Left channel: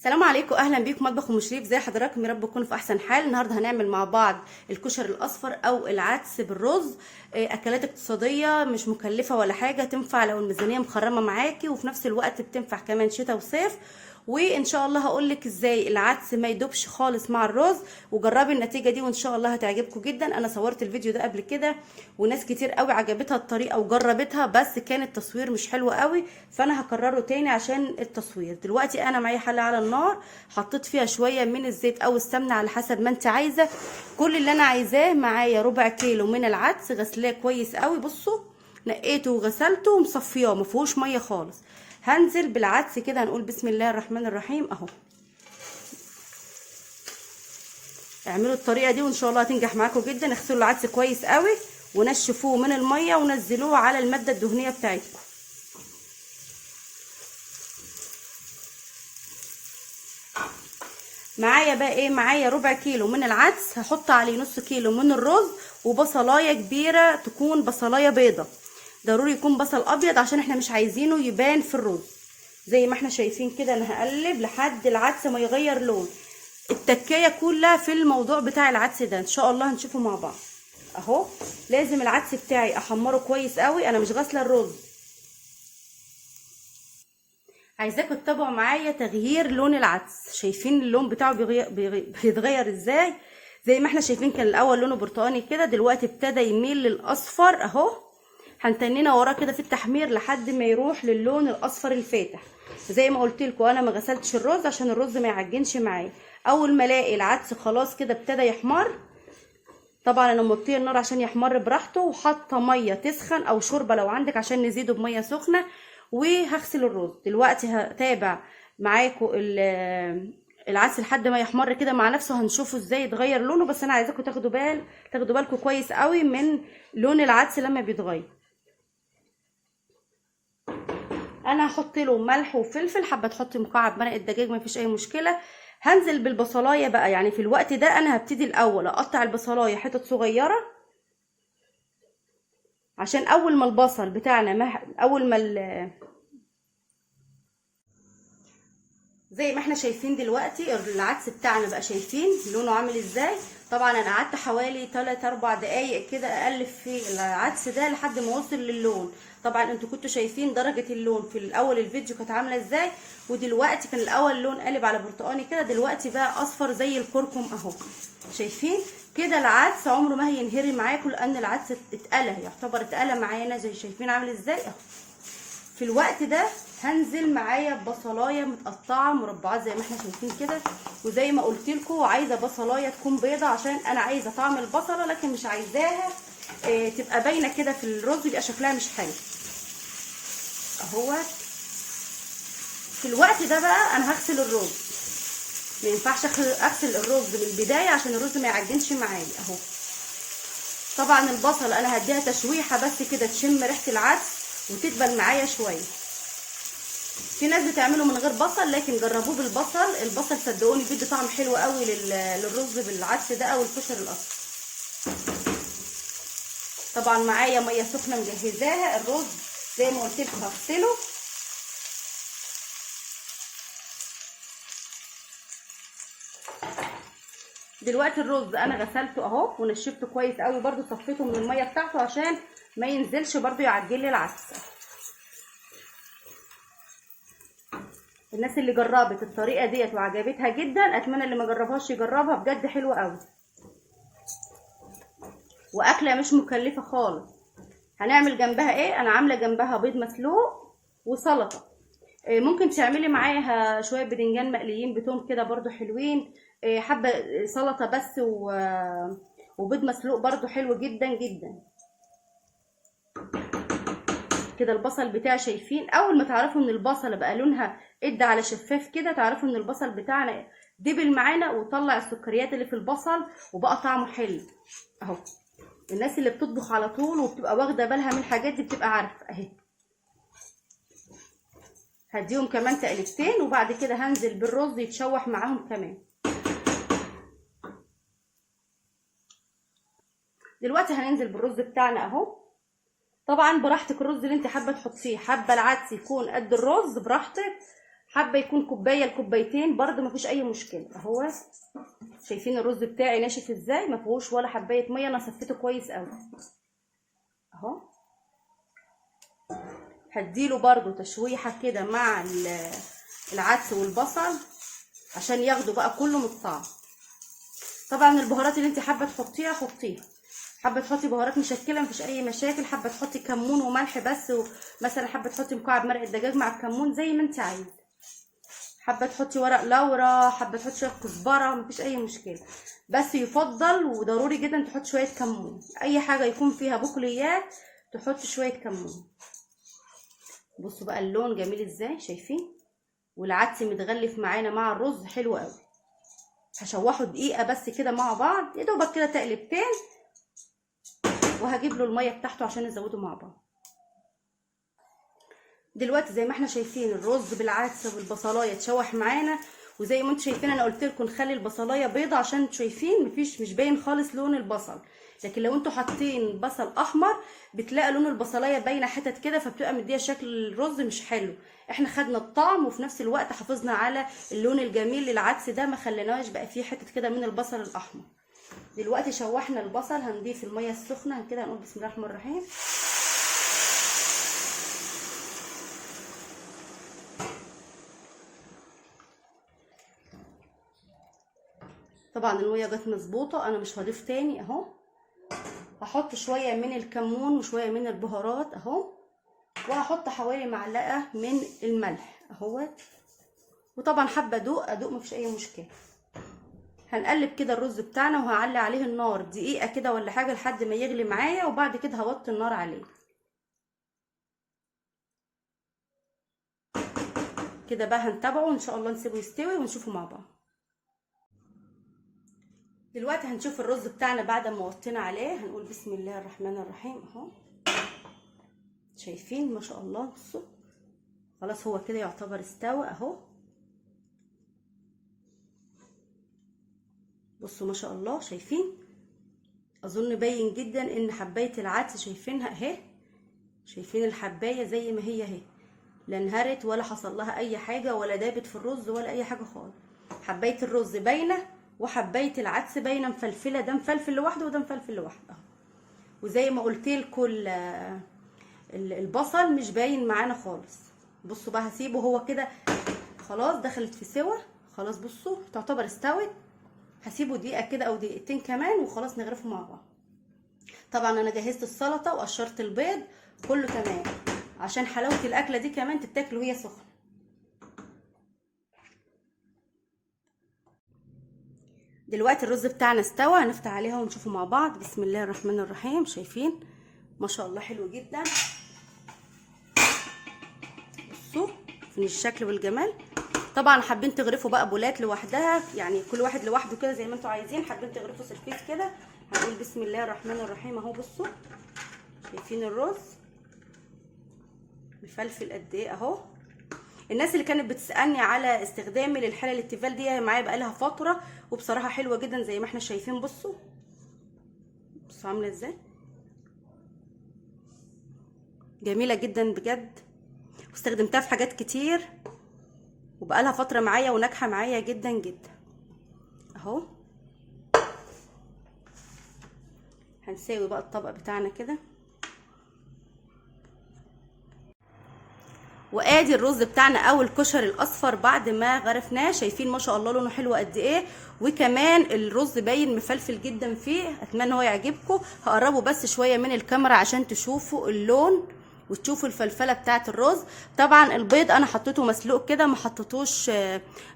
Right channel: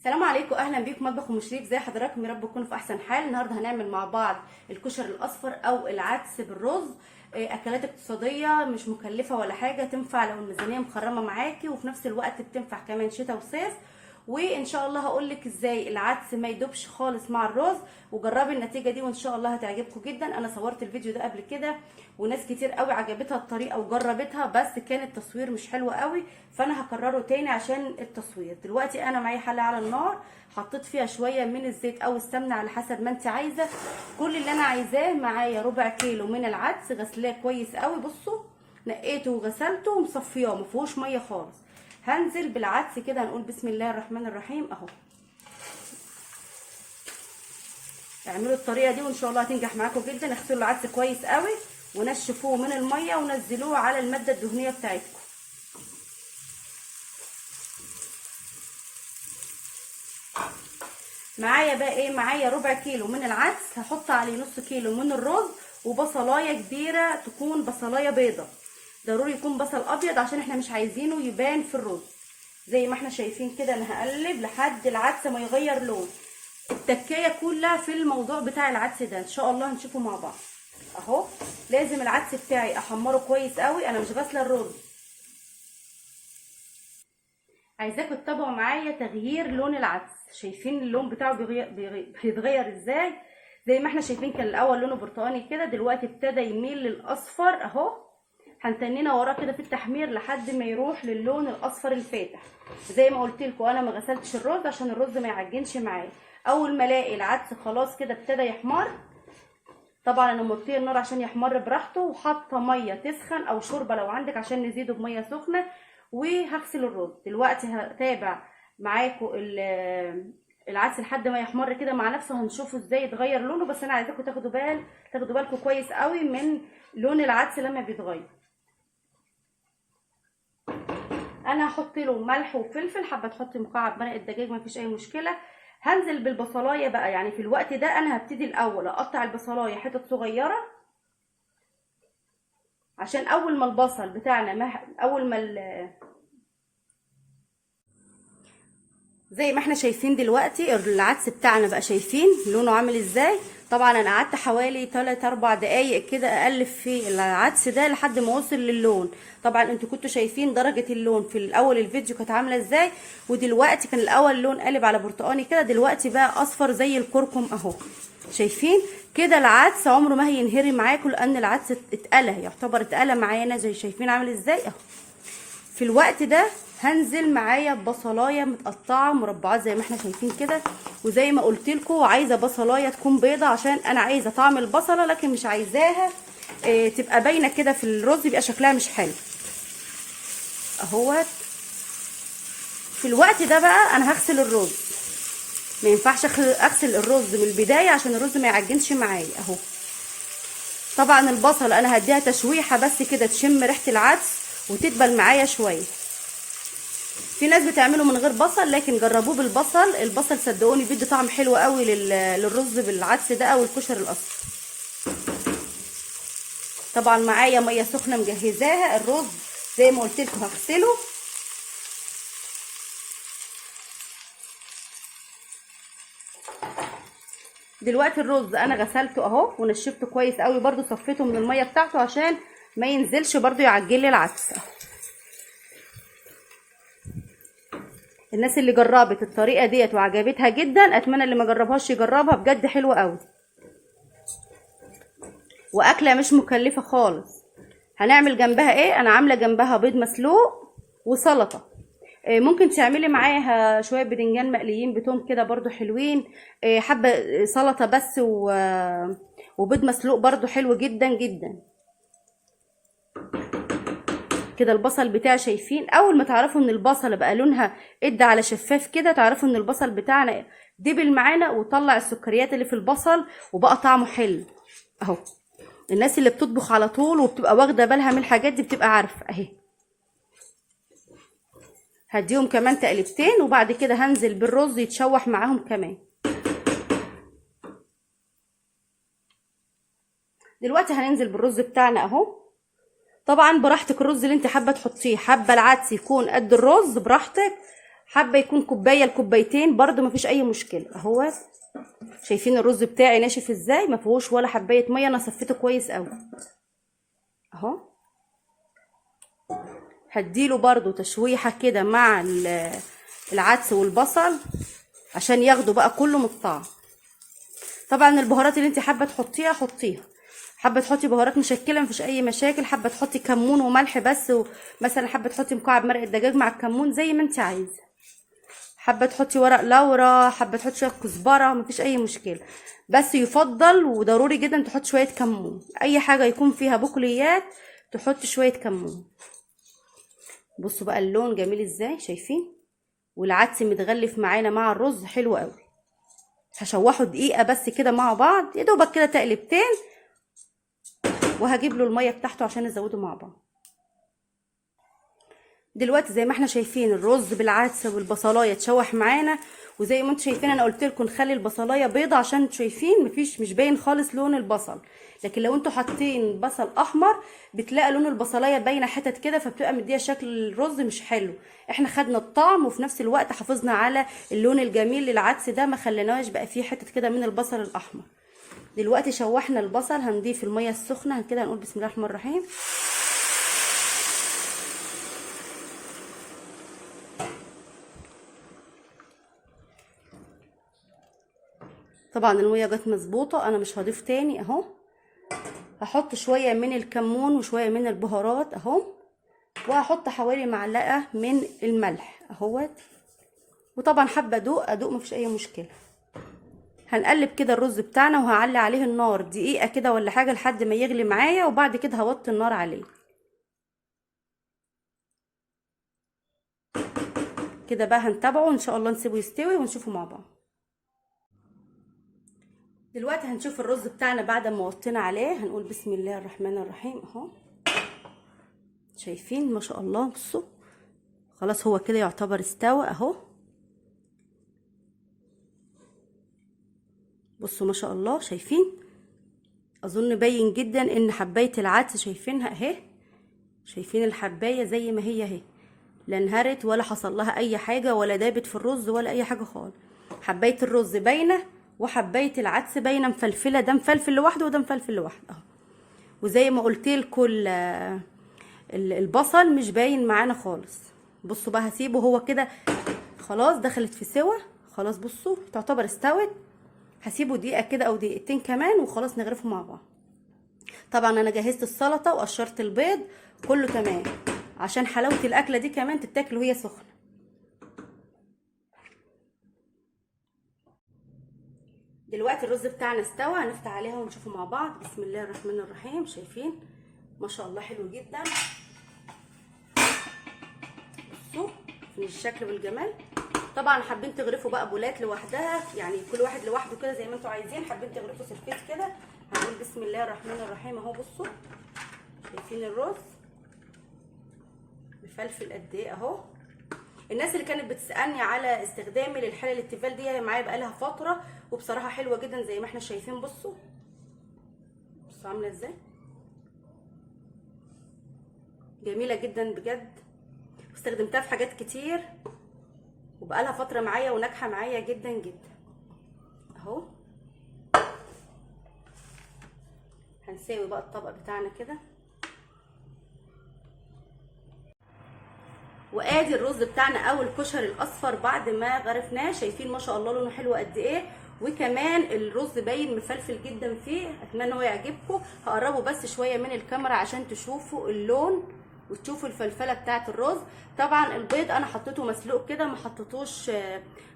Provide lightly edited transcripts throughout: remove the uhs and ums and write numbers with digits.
السلام عليكم، اهلا بيكم مطبخ ام شريف. زي حضراتكم، يا رب تكونوا في احسن حال. النهارده هنعمل مع بعض الكشري الاصفر او العدس بالرز. اكلات اقتصاديه مش مكلفه ولا حاجه، تنفع لو الميزانيه مخرمه معاكي، وفي نفس الوقت بتنفع كمان شتاء وصيف. وان شاء الله هقولك ازاي العدس ما يدوبش خالص مع الرز، وجربي النتيجه دي وان شاء الله هتعجبكم جدا. انا صورت الفيديو ده قبل كده وناس كتير قوي عجبتها الطريقه وجربتها، بس كان التصوير مش حلو قوي، فانا هكرره تاني عشان التصوير. دلوقتي انا معايا حله على النار، حطيت فيها شويه من الزيت او السمنه على حسب ما انت عايزه. كل اللي انا عايزاه معايا ربع كيلو من العدس، غسلاه كويس قوي. بصوا، نقيته وغسلته ومصفياه، ما فيهوش ميه خالص. هنزل بالعدس كده، هنقول بسم الله الرحمن الرحيم اهو. اعملوا الطريقه دي وان شاء الله هتنجح معاكم جدا. اغسلوا العدس كويس قوي ونشفوه من الميه ونزلوه على الماده الدهنيه بتاعتكم. معايا بقى ايه؟ معايا ربع كيلو من العدس، هحط عليه نص كيلو من الرز، وبصلايه كبيره تكون بصلايه بيضه. ضروري يكون بصل ابيض عشان احنا مش عايزينه يبان في الرز. زي ما احنا شايفين كده، انا هقلب لحد العدس ما يغير لون. التكايه كلها في الموضوع بتاع العدس ده، ان شاء الله هنشوفه مع بعض اهو. لازم العدس بتاعي احمره كويس قوي، انا مش غاسله الرز. عايزاكم تتابعوا معايا تغيير لون العدس. شايفين اللون بتاعه بيتغير ازاي؟ زي ما احنا شايفين كان الاول لونه برتقاني كده، دلوقتي ابتدى يميل للاصفر اهو. هنتنينا وراه كده في التحمير لحد ما يروح للون الاصفر الفاتح. زي ما قلت لكم، انا ما غسلتش الرز عشان الرز ما يعجنش معايا. اول ما الاقي العدس خلاص كده ابتدى يحمر، طبعا انا موطيه النار عشان يحمر براحته، وحاطه ميه تسخن او شوربه لو عندك عشان نزيده بميه سخنه. وهغسل الرز دلوقتي. هتابع معاكم العدس لحد ما يحمر كده مع نفسه، هنشوفه ازاي يتغير لونه. بس انا عايزاكم تاخدوا بالكم كويس قوي من لون العدس لما بيتغير. انا هحط له ملح وفلفل، حابه تحطي مكعب مرق الدجاج مفيش اي مشكله. هنزل بالبصلايه بقى، يعني في الوقت ده انا هبتدي الاول اقطع البصلايه حتت صغيره، عشان اول ما البصل بتاعنا زي ما احنا شايفين دلوقتي العدس بتاعنا بقى، شايفين لونه عامل ازاي؟ طبعا انا قعدت حوالي 3 4 دقايق كده اقلب في العدس ده لحد ما وصل للون. طبعا انتوا كنتوا شايفين درجة اللون في الاول الفيديو كانت عاملة ازاي، ودلوقتي كان الاول اللون قلب على برتقاني كده، دلوقتي بقى اصفر زي الكركم اهو. شايفين كده؟ العدس عمره ما هينهري معاكم، لان العدس اتقلى، يعتبر اتقلى معانا. زي شايفين عامل ازاي اهو. في الوقت ده هنزل معايا ببصلايه متقطعه مربعات زي ما احنا شايفين كده. وزي ما قلت لكم، عايزه بصلايه تكون بيضه عشان انا عايزه طعم البصله، لكن مش عايزاها تبقى باينه كده في الرز، يبقى شكلها مش حلو اهوت. في الوقت ده بقى انا هغسل الرز. ما ينفعش اغسل الرز من البدايه عشان الرز ما يعجنش معايا اهو. طبعا البصل انا هديها تشويحه بس كده تشم ريحه العدس وتدبل معايا شويه. في ناس بتعمله من غير بصل، لكن جربوه بالبصل. البصل صدقوني بيدي طعم حلو قوي للرز بالعدس ده او الكشري الاصفر. طبعا معايا ميه سخنه مجهزاها. الرز زي ما قلت لكم هغسله. دلوقتي الرز انا غسلته اهو ونشفته كويس قوي، برده صفيته من الميه بتاعته عشان ما ينزلش برده يعجن لي العدس. الناس اللي جربت الطريقه ديت وعجبتها جدا، اتمنى اللي ما جربهاش يجربها، بجد حلوه قوي واكله مش مكلفه خالص. هنعمل جنبها ايه؟ انا عامله جنبها بيض مسلوق وسلطه. ممكن تعملي معاها شويه بدنجان مقليين بتوم كده برضو حلوين. حبه سلطه بس وبيض مسلوق برضو حلو جدا جدا كده. البصل بتاعي شايفين، اول ما تعرفوا ان البصل بقى لونها ادى على شفاف كده، تعرفوا ان البصل بتاعنا دبل معانا وطلع السكريات اللي في البصل وبقى طعمه حلو اهو. الناس اللي بتطبخ على طول وبتبقى واخده بالها من الحاجات دي بتبقى عارفه اهي. هديهم كمان تقلبتين وبعد كده هنزل بالرز يتشوح معاهم كمان. دلوقتي هننزل بالرز بتاعنا اهو. طبعا براحتك الرز اللي انت حابه تحطيه، حابه العدس يكون قد الرز براحتك، حابه يكون كوبايه لكوبايتين برده مفيش اي مشكله. اهو شايفين الرز بتاعي ناشف ازاي، ما فيهوش ولا حبايه ميه، انا صفيته كويس قوي اهو. هديله برده تشويحه كده مع العدس والبصل عشان ياخدوا بقى كله من الطعم. طبعا البهارات اللي انت حابه تحطيها حطيها، حابه تحطي بهارات مشكله مفيش اي مشاكل، حابه تحطي كمون وملح بس، ومثلا حابه تحطي مكعب مرق الدجاج مع الكمون زي ما انت عايزه، حابه تحطي ورق لورا، حابه تحطي شويه كزبره، مفيش اي مشكله. بس يفضل وضروري جدا تحطي شويه كمون، اي حاجه يكون فيها بقوليات تحطي شويه كمون. بصوا بقى اللون جميل ازاي، شايفين؟ والعدس متغلف معانا مع الرز حلو قوي. هشوحه دقيقه بس كده مع بعض، يا دوبك كده تقلبتين، وهجيب له الميه بتاعته عشان نزوده مع بعض. دلوقتي زي ما احنا شايفين الرز بالعدس والبصلايه اتشوح معانا، وزي ما انتم شايفين انا قلت لكم نخلي البصلايه بيضه عشان انتم شايفين مش باين خالص لون البصل، لكن لو انتوا حاطين بصل احمر بتلاقي لون البصلايه باينه حتت كده، فبتبقى مديه شكل الرز مش حلو. احنا خدنا الطعم وفي نفس الوقت حافظنا على اللون الجميل للعدس ده، ما خليناش بقى فيه حتت كده من البصل الاحمر. دلوقتي شوحنا البصل، هنضيف الميه السخنه كده، هنقول بسم الله الرحمن الرحيم. طبعا الميه جت مظبوطه، انا مش هضيف تاني اهو. هحط شويه من الكمون وشويه من البهارات اهو، وهحط حوالي معلقه من الملح اهوت، وطبعا حابه ادوق مفيش اي مشكله. هنقلب كده الرز بتاعنا، وهعلي عليه النار دقيقه كده ولا حاجه لحد ما يغلي معايا، وبعد كده هوطي النار عليه كده. بقى هنتابعه ان شاء الله، نسيبه يستوي ونشوفه مع بعض. دلوقتي هنشوف الرز بتاعنا بعد ما وطينا عليه، هنقول بسم الله الرحمن الرحيم اهو. شايفين ما شاء الله، بصوا خلاص هو كده يعتبر استوى اهو. بصوا ما شاء الله، شايفين؟ اظن باين جدا ان حبايه العدس شايفينها اهي، شايفين الحبايه زي ما هي اهي، لا انهرت ولا حصل لها اي حاجه ولا دابت في الرز ولا اي حاجه خالص. حبايه الرز باينه وحبايه العدس باينه مفلفله، ده مفلفل لوحده وده مفلفل لوحده اهو. وزي ما قلت لكم البصل مش باين معانا خالص. بصوا بقى هسيبه هو كده خلاص دخلت في سوا خلاص، بصوا تعتبر استوت. هسيبه دقيقه كده او دقيقتين كمان وخلاص نغرفه مع بعض. طبعا انا جهزت السلطه وقشرت البيض، كله تمام عشان حلاوه الاكله دي كمان تتاكل وهي سخنه. دلوقتي الرز بتاعنا استوى، هنفتح عليها ونشوفه مع بعض. بسم الله الرحمن الرحيم. شايفين ما شاء الله حلو جدا، بصوا في الشكل والجمال. طبعا حابين تغرفوا بقى بولات لوحدها، يعني كل واحد لوحده كده زي ما انتوا عايزين. حابين تغرفوا سلفيت كده، هنقول بسم الله الرحمن الرحيم اهو. بصوا شايفين الرز مفلفل قد ايه اهو. الناس اللي كانت بتسالني على استخدامي للحله التيفال دي معايا بقالها فتره، وبصراحه حلوه جدا زي ما احنا شايفين. بصوا عامله ازاي، جميله جدا بجد، واستخدمتها في حاجات كتير وبقالها فتره معايا وناجحه معايا جدا جدا اهو. هنساوي بقى الطبق بتاعنا كده، وادي الرز بتاعنا او الكشري الاصفر بعد ما غرفناه. شايفين ما شاء الله لونه حلو قد ايه، وكمان الرز باين مفلفل جدا فيه. اتمنى هو يعجبكم. هقربه بس شويه من الكاميرا عشان تشوفوا اللون وتشوفوا الفلفله بتاعه الرز. طبعا البيض انا حطيته مسلوق كده، ما حطيتوش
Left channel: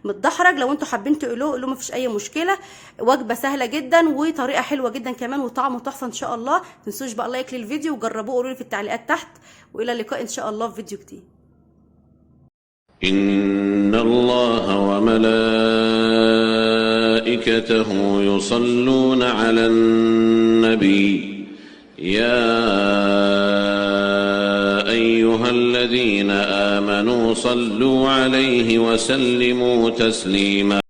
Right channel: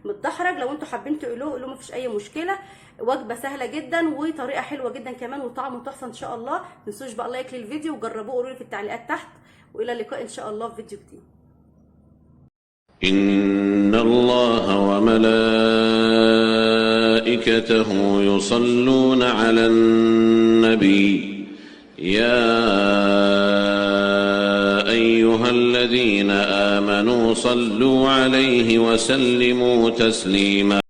متدحرج. لو انتوا حابين تقلوه قولوا مفيش اي مشكله. وجبه سهله جدا وطريقه حلوه جدا كمان وطعمه تحفه ان شاء الله. ما تنسوش بقى لايك للفيديو وجربوه، قولوا لي في التعليقات تحت، والى اللقاء ان شاء الله في فيديو جديد. إن الله وملائكته يصلون على النبي يا أيها الذين آمنوا صلوا عليه وسلموا تسليما.